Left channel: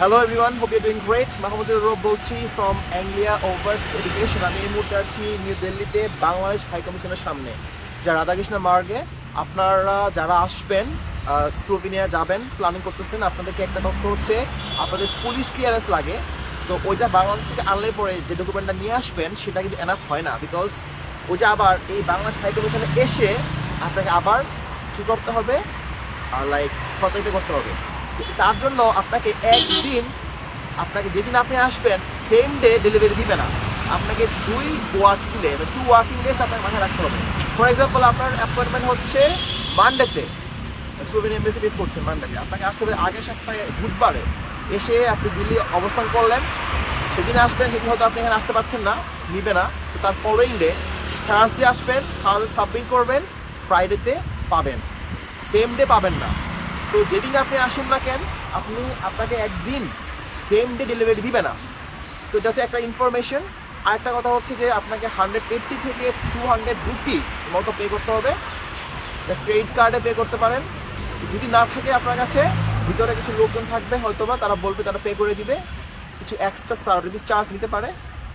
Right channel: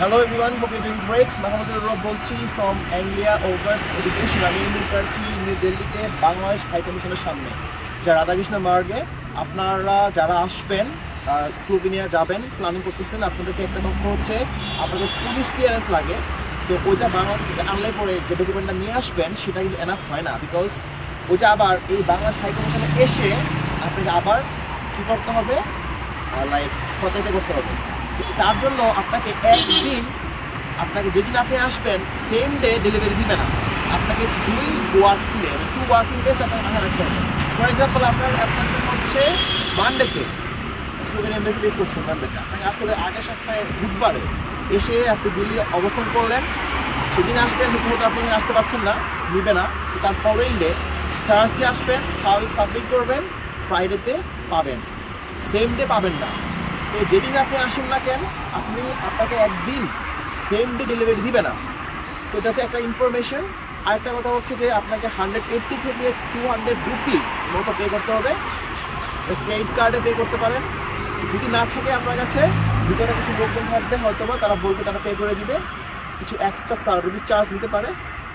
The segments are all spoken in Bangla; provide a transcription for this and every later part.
Hello everyone, hope you're doing great. Mohammed Rob bolchi from Anglia Overs Education. আমি এই মুহূর্তে আছি নিউ দিল্লিতে বাংলাদেশ হাই কমিশনের সামনে, যা রাধাকৃষ্ণ মার্গে। আপনারা যারা আসবেন, স্লোভেনিয়া যাবেন, প্ল্যানিং করতেছেন, আপনাদেরকে একটা তথ্য হচ্ছে আপনাদের পুলিশ ক্লিয়ারেন্স লাগে। তো ওইটা বাংলাদেশ থেকে আনলে পরে যে ডকুমেন্টটা নিয়ে আসবেন সেটা কিন্তু এনাফ হয় না, বিকজ ওইটা আবার এই বাংলাদেশ হাই কমিশনে এসে আপনাকে আবার কী করতে হবে, লাইক সতর্কতা করতে হবে। তার জন্য আপনাকে একদিন, আপনাকে যেদিন আপনি আসবেন সেম ডে ডেলিভারি দিবে না, আপনাকে 2 ওয়ার্কিং ডেজ আপনাকে মাথায় রাখতে হবে। ফর এক্সাম্পল, আপনার অ্যাপয়েন্টমেন্ট হচ্ছে মানডেতে, স্লোভেনিয়া এমবেসি বেস করছেন মানডেতে, আপনাকে আসতে হবে আগের সপ্তাহে বুধবারে। এসে আপনি দিল্লি অবস্থান করলেন, সেদিন আসবেন, সেদিন হয়তো আপনি এখানে আসতে পারছেন না, নিবে না। তো তার ফলোয়িং ডে থার্সডে আসবেন, তাহলে সাবমিট করবেন, ফ্রাইডেতে পাবেন, সেম ডে পাবেন না। তো যেদিন আপনি আসুন না কেন, আপনাকে একদিন সেম ডে ডেলিভারি দিবে না। তো এটা হচ্ছে একটা ইনফরমেশন। আরেকটা কথা হচ্ছে যে আপনাকে 180 থেকে 200 রুপি মতো পে করতে হবে, ক্রেডিট কার্ডে পে করতে পারেন। যদি না থাকে আপনার কাছে, ভিতরে কিছু লোকজন থাকবে হয়তো বা, তারা বলবে, তারা পে করে দিবে, কিছু এক্সট্রা সার্ভিস চার্জ নিতে পারে।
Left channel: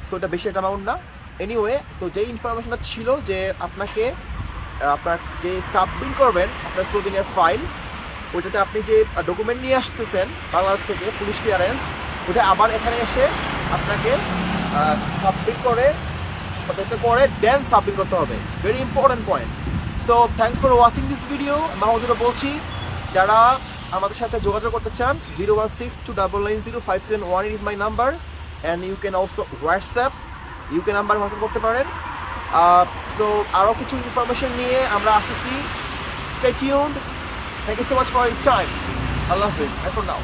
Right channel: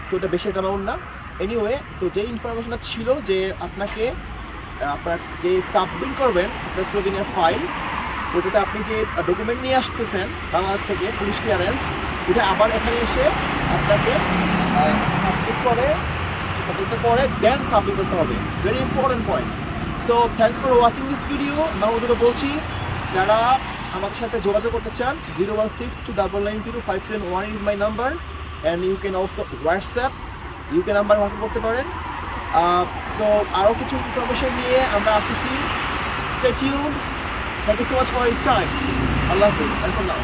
সো এটা বেশি একটা অ্যামাউন্ট না। এনিওয়ে, তো যে ইনফরমেশনটা ছিল যে আপনাকে আপনার যে সাবমিট করবেন আপনার স্লোভেনিয়ার ফাইল, ওইটাতে আপনি যে ডকুমেন্ট নিয়ে আসতেছেন বাংলাদেশ থেকে, পুলিশ ক্লিয়ারেন্স, ওইটা আবার এখানে এসে আপনাকে সাবমিট করে দেন সাবমিট করতে হবে। Very important point. So thanks for watching this video. Mahmudullah বলছি, যারা আমাদের সাথে যোগাযোগ করতে চান 01629905718 is my number, and you can also WhatsApp, UK number WhatsApp করতে পারেন। সো আরও কিছু ইনফরমেশন নিয়ে আমরা আসতেছি। Stay tuned. Thank you so much for your time. I love this. And for now.